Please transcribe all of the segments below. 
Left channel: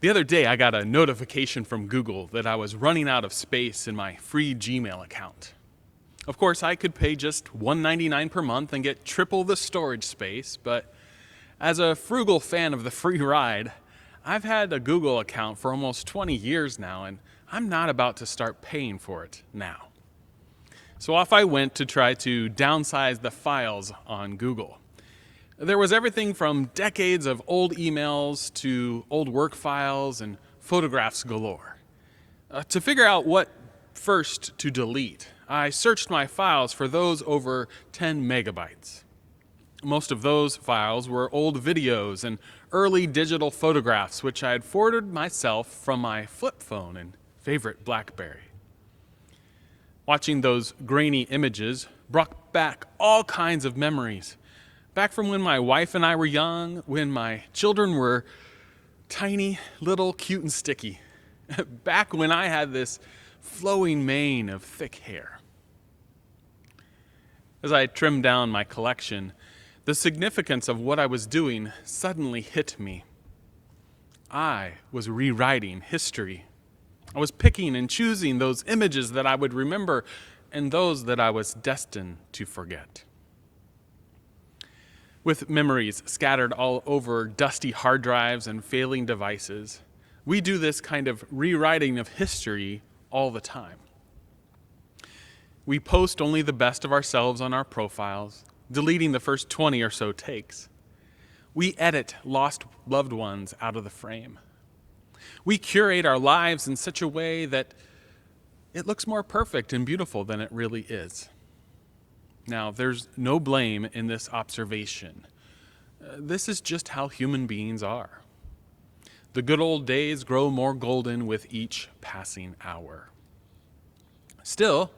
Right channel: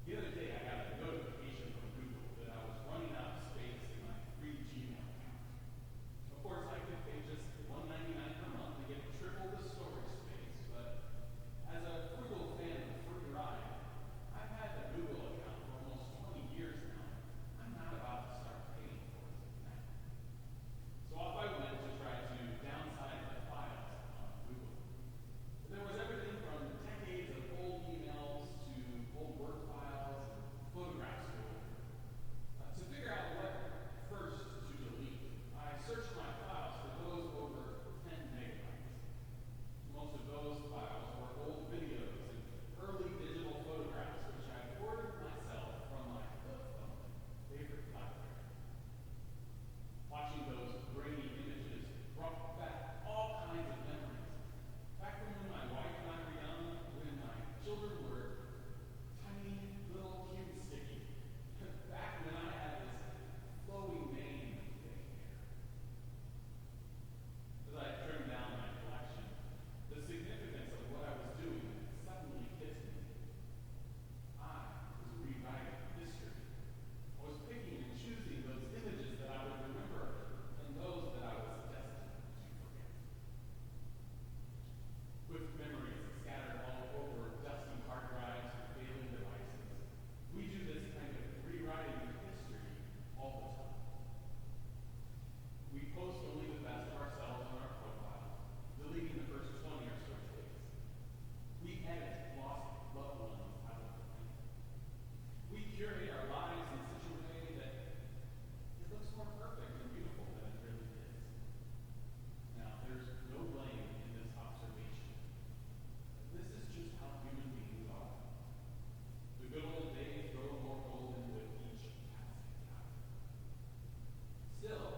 The other day, I got a notification from Google that I was running out of space in my free Gmail account. Of course, I could pay just $1.99 per month and get triple the storage space, but as a frugal fan of the free ride, I've had a Google account for almost 20 years now, and I'm not about to start paying for it now. So off I went to try to downsize the files on Google. There was everything from decades of old emails to old work files and photographs galore. To figure out what first to delete, I searched my files for those over 10 megabytes. Most of those files were old videos and early digital photographs, which I had forwarded myself from my flip phone and favorite BlackBerry. Watching those grainy images brought back all kinds of memories. Back from when my wife and I were young, when my children were tiny, little, cute, and sticky. Back when I had this flowing mane of thick hair. As I trimmed down my collection, the significance of what I was doing suddenly hit me. I was rewriting history. I was picking and choosing those images that I would remember and those that I was destined to forget. With memories scattered all over dusty hard drives and failing devices, we do this kind of rewriting of history all the time. We post only the best of ourselves on our profiles, deleting the first 20 or so takes. We edit lost loved ones out of the frame. We curate our lives in such a way that it looks more perfect and beautiful than it really is. Now, there's no blame in this observation. This is just how human beings are. The good old days grow more golden with each passing hour. Still,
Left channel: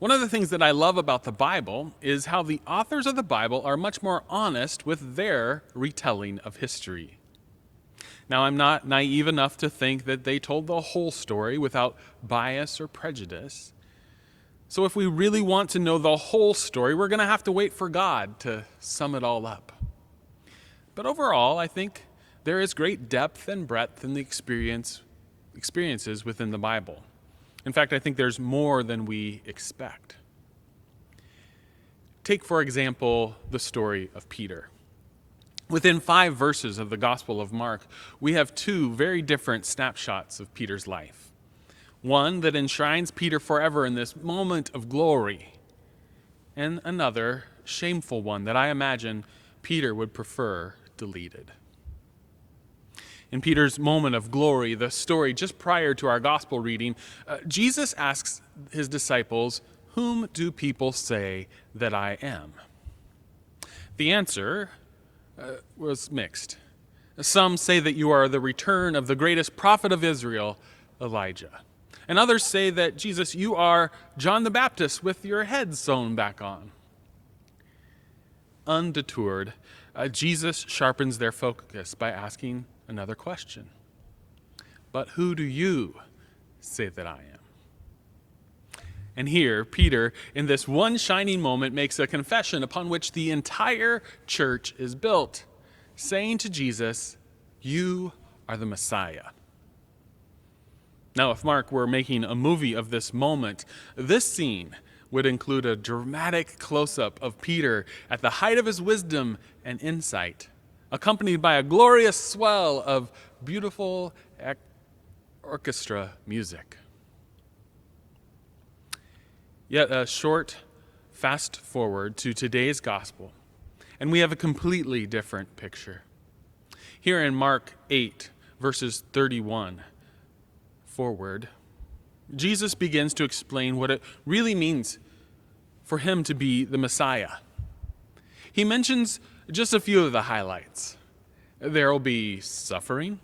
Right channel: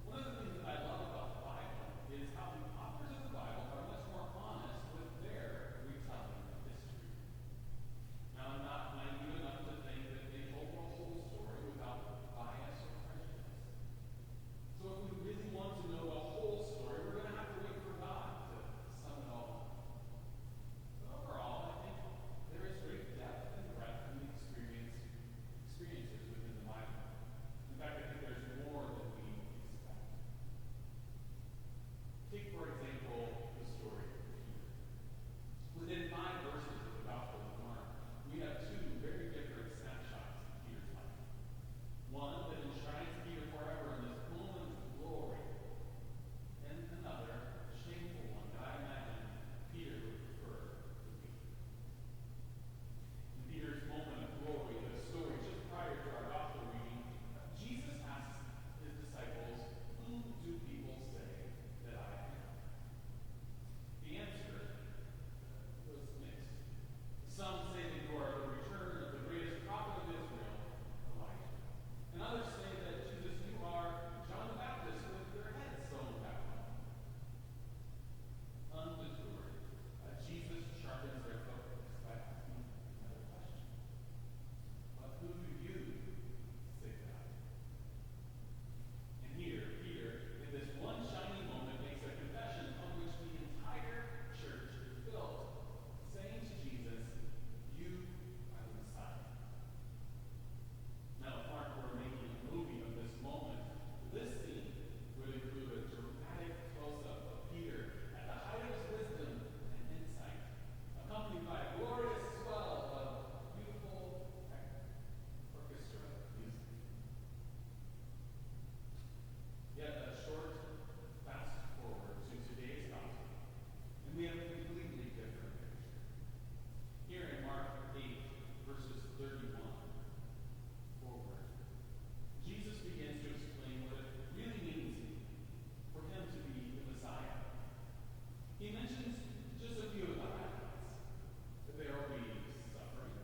one of the things that I love about the Bible is how the authors of the Bible are much more honest with their retelling of history. Now, I'm not naive enough to think that they told the whole story without bias or prejudice. So if we really want to know the whole story, we're going to have to wait for God to sum it all up. But overall, I think there is great depth and breadth in the experiences within the Bible. In fact, I think there's more than we expect. Take, for example, the story of Peter. Within 5 verses of the Gospel of Mark, we have 2 very different snapshots of Peter's life. One that enshrines Peter forever in this moment of glory, and another shameful one that I imagine Peter would prefer deleted. In Peter's moment of glory, the story just prior to our gospel reading, Jesus asks his disciples, "Whom do people say that I am?" The answer was mixed. Some say that you are the return of the greatest prophet of Israel, Elijah. And others say that, Jesus, you are John the Baptist with your head sewn back on. Undetoured, Jesus sharpens their focus by asking another question. But who do you say that I am? And here, Peter, in this one shining moment, makes a confession upon which the entire church is built, saying to Jesus, "You are the Messiah." Now, if Mark were making a movie of this moment, this scene would include a dramatic close-up of Peter at the height of his wisdom and insight, accompanied by a glorious swell of beautiful orchestra music. Yet a short fast forward to today's gospel, and we have a completely different picture. Here in Mark 8, verses 31 forward, Jesus begins to explain what it really means for him to be the Messiah. He mentions just a few of the highlights. There will be suffering,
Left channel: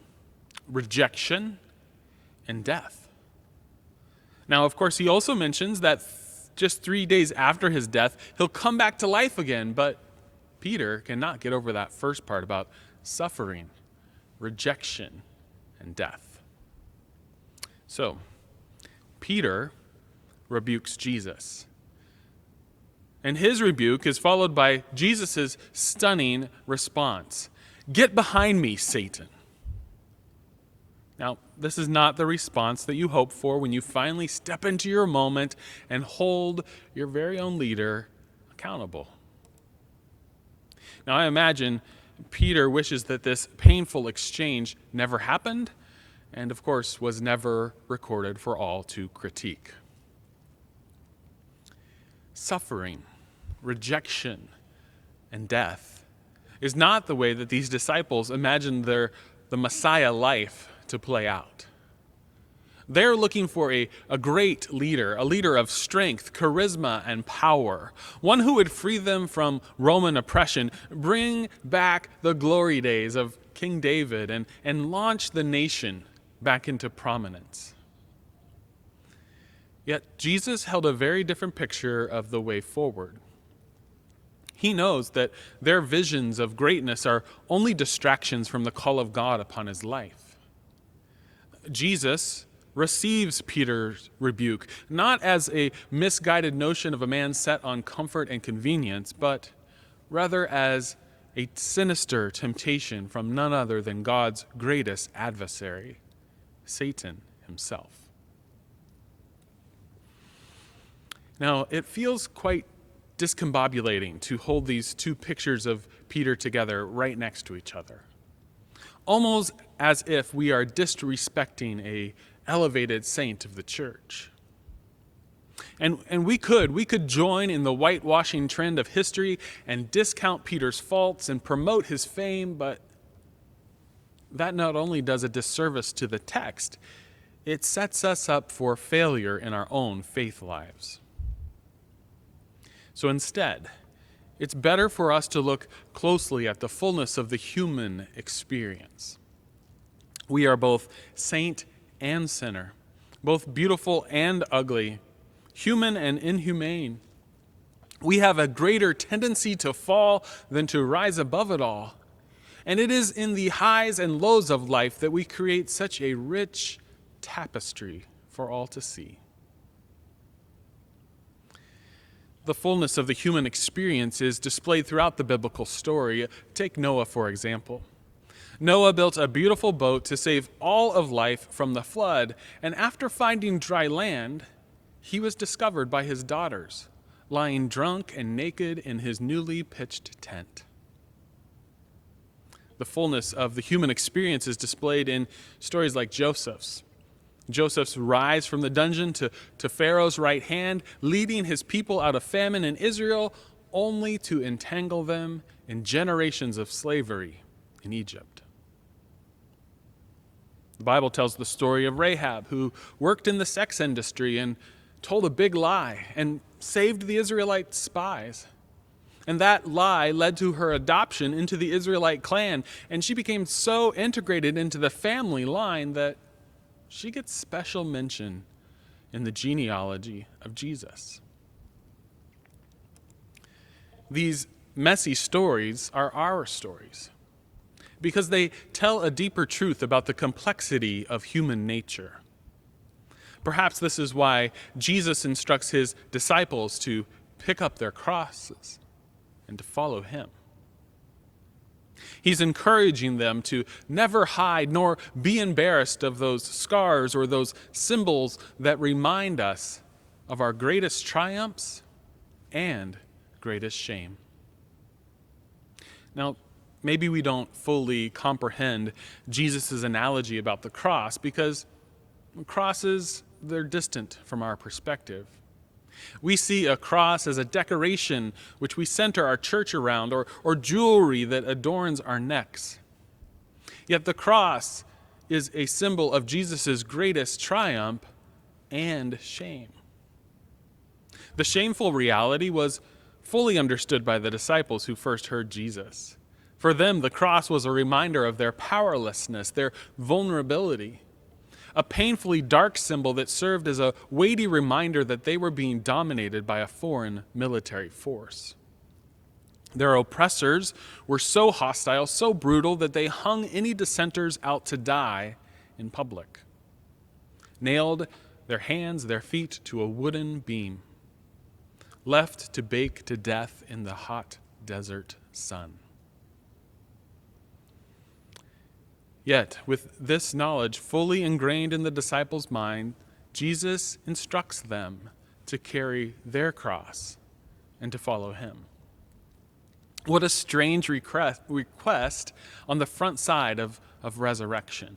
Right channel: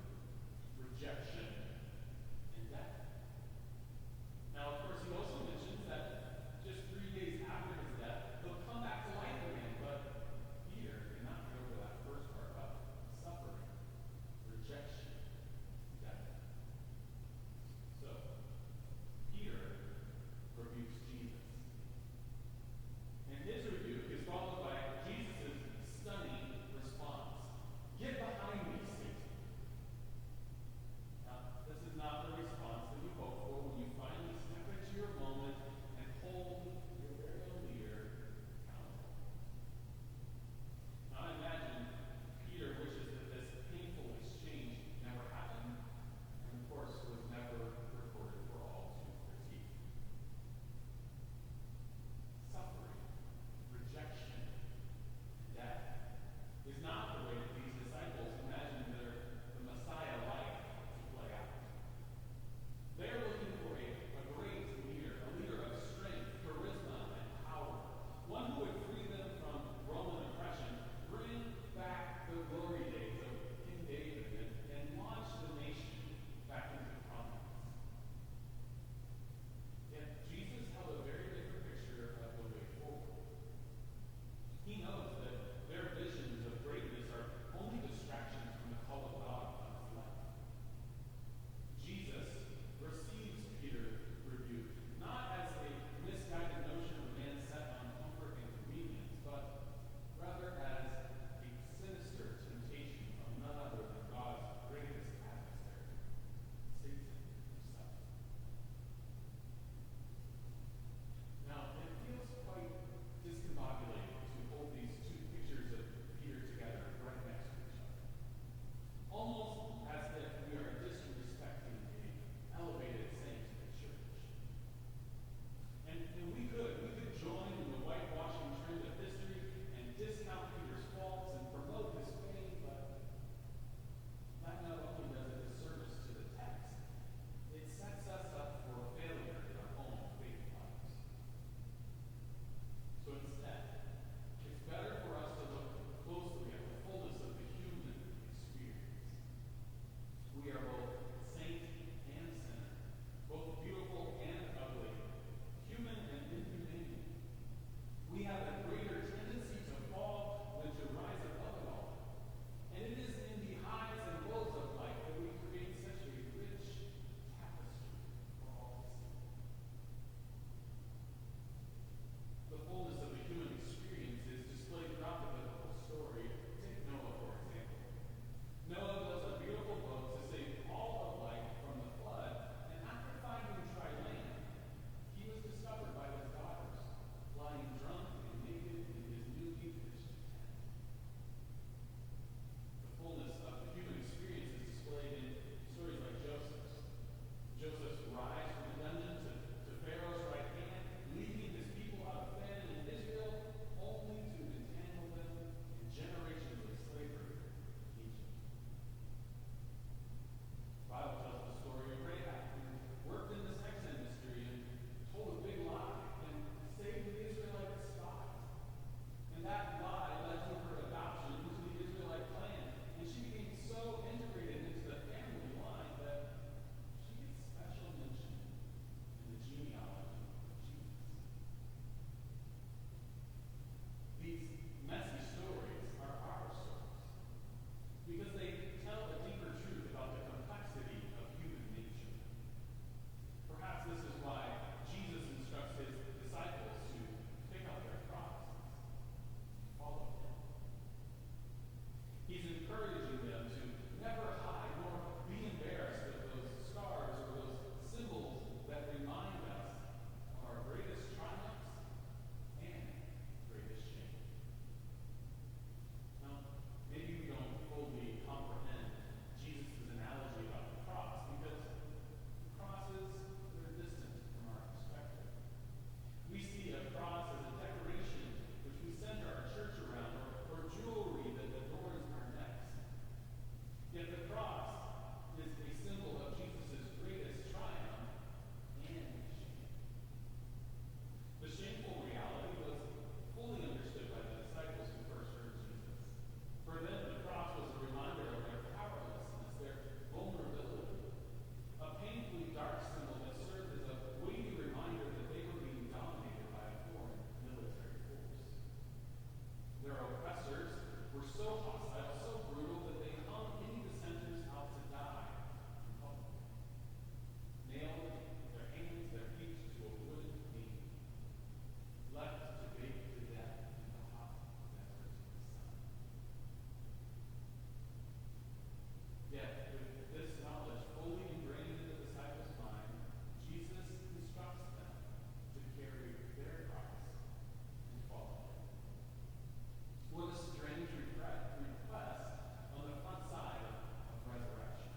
rejection, and death. Now, of course, he also mentions that just 3 days after his death, he'll come back to life again, but Peter cannot get over that first part about suffering, rejection, and death. So, Peter rebukes Jesus. And his rebuke is followed by Jesus' stunning response. "Get behind me, Satan." Now, this is not the response that you hope for when you finally step into your moment and hold your very own leader accountable. Now, I imagine Peter wishes that this painful exchange never happened and, of course, was never recorded for all to critique. Suffering, rejection, and death is not the way that these disciples imagined the Messiah life to play out. They're looking for a great leader, a leader of strength, charisma, and power, one who would free them from Roman oppression, bring back the glory days of King David, and launch the nation back into prominence. Yet Jesus held a very different picture of the way forward. He knows that their visions of greatness are only distractions from the call of God upon his life. Jesus receives Peter's rebuke, not as a misguided notion of a man set on comfort and convenience, but rather as a sinister temptation from none other than God's greatest adversary, Satan himself. Now, it feels quite discombobulating to hold these two pictures of Peter together right next to each other, almost as if we are disrespecting a elevated saint of the church. And we could join in the whitewashing trend of history and discount Peter's faults and promote his fame, but that not only does a disservice to the text, it sets us up for failure in our own faith lives. So instead, it's better for us to look closely at the fullness of the human experience. We are both saint and sinner, both beautiful and ugly, human and inhumane. We have a greater tendency to fall than to rise above it all. And it is in the highs and lows of life that we create such a rich tapestry for all to see. The fullness of the human experience is displayed throughout the biblical story. Take Noah, for example. Noah built a beautiful boat to save all of life from the flood, and after finding dry land, he was discovered by his daughters, lying drunk and naked in his newly pitched tent. The fullness of the human experience is displayed in stories like Joseph's. Joseph's rise from the dungeon to Pharaoh's right hand, leading his people out of famine in Israel, only to entangle them in generations of slavery in Egypt. The Bible tells the story of Rahab, who worked in the sex industry and told a big lie and saved the Israelite spies. And that lie led to her adoption into the Israelite clan, and she became so integrated into the family line that she gets special mention in the genealogy of Jesus. These messy stories are our stories because they tell a deeper truth about the complexity of human nature. Perhaps this is why Jesus instructs his disciples to pick up their crosses and to follow him. He's encouraging them to never hide nor be embarrassed of those scars or those symbols that remind us of our greatest triumphs and greatest shame. Now, maybe we don't fully comprehend Jesus' analogy about the cross because crosses, they're distant from our perspective. We see a cross as a decoration which we center our church around, or jewelry that adorns our necks. Yet the cross is a symbol of Jesus' greatest triumph and shame. The shameful reality was fully understood by the disciples who first heard Jesus. For them, the cross was a reminder of their powerlessness, their vulnerability. A painfully dark symbol that served as a weighty reminder that they were being dominated by a foreign military force. Their oppressors were so hostile, so brutal, that they hung any dissenters out to die in public, nailed their hands, their feet to a wooden beam, left to bake to death in the hot desert sun. Yet, with this knowledge fully ingrained in the disciples' mind, Jesus instructs them to carry their cross and to follow him. What a strange request on the front side of resurrection.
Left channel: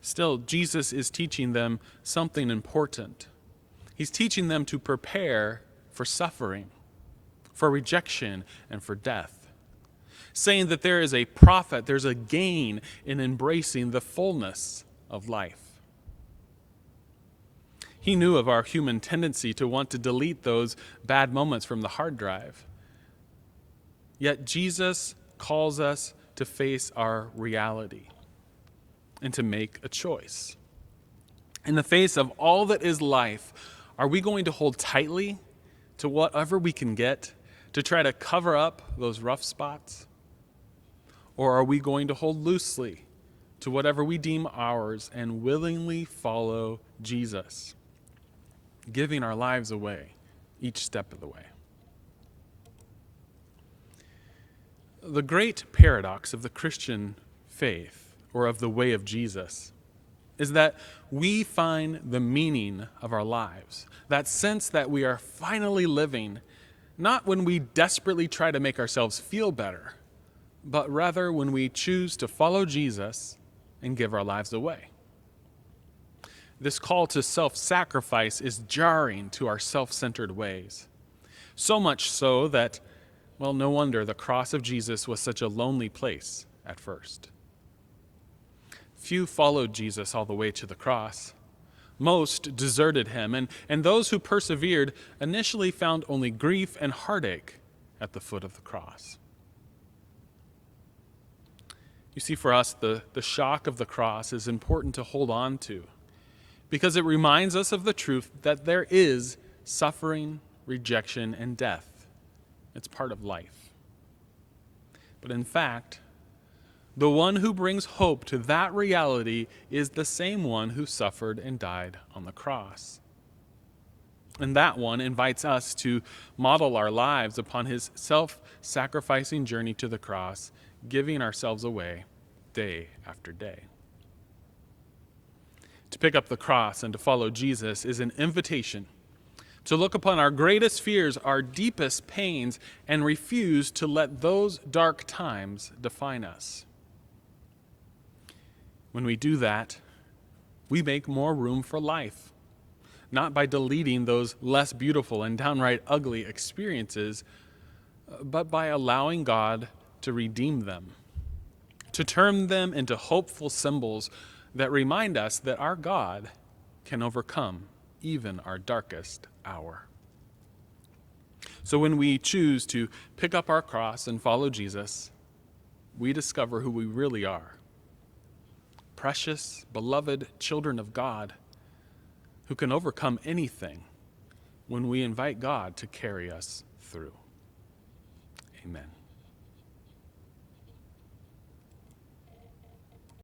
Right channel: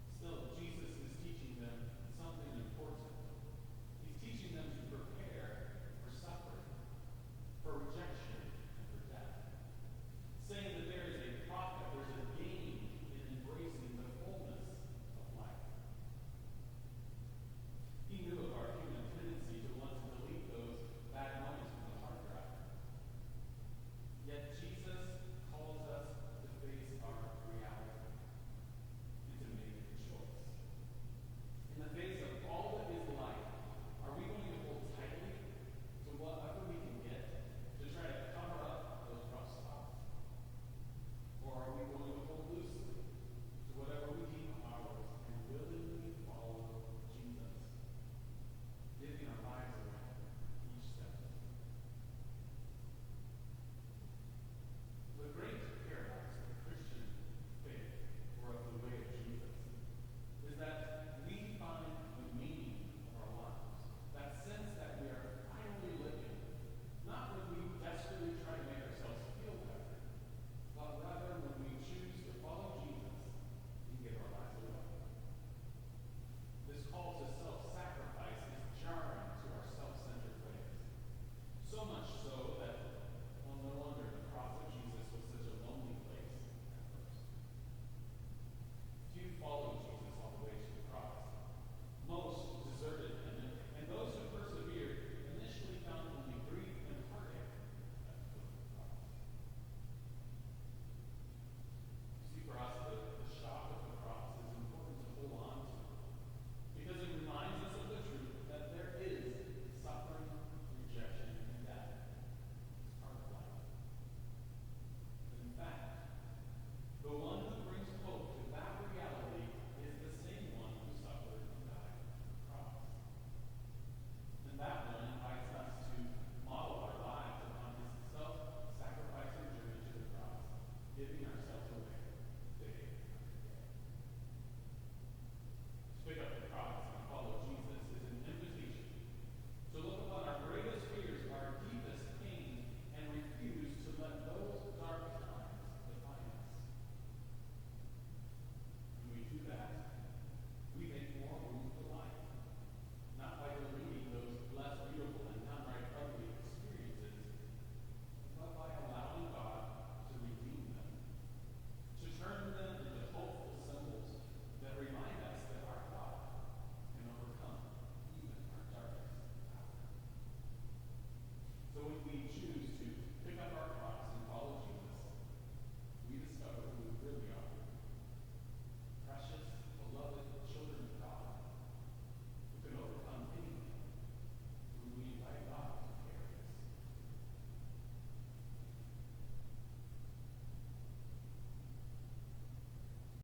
Still, Jesus is teaching them something important. He's teaching them to prepare for suffering, for rejection, and for death, saying that there is a profit, there's a gain in embracing the fullness of life. He knew of our human tendency to want to delete those bad moments from the hard drive. Yet Jesus calls us to face our reality and to make a choice. In the face of all that is life, are we going to hold tightly to whatever we can get to try to cover up those rough spots? Or are we going to hold loosely to whatever we deem ours and willingly follow Jesus, giving our lives away each step of the way? The great paradox of the Christian faith, or of the way of Jesus, is that we find the meaning of our lives, that sense that we are finally living, not when we desperately try to make ourselves feel better, but rather when we choose to follow Jesus and give our lives away. This call to self-sacrifice is jarring to our self-centered ways, so much so that, well, no wonder the cross of Jesus was such a lonely place at first. Few followed Jesus all the way to the cross. Most deserted him, and those who persevered initially found only grief and heartache at the foot of the cross. You see, for us, the shock of the cross is important to hold on to because it reminds us of the truth that there is suffering, rejection, and death. It's part of life. But in fact, the one who brings hope to that reality is the same one who suffered and died on the cross. And that one invites us to model our lives upon his self-sacrificing journey to the cross, giving ourselves away day after day. To pick up the cross and to follow Jesus is an invitation to look upon our greatest fears, our deepest pains, and refuse to let those dark times define us. When we do that, we make more room for life, not by deleting those less beautiful and downright ugly experiences, but by allowing God to redeem them, to turn them into hopeful symbols that remind us that our God can overcome even our darkest hour. So when we choose to pick up our cross and follow Jesus, we discover who we really are. Precious, beloved children of God who can overcome anything when we invite God to carry us through. Amen.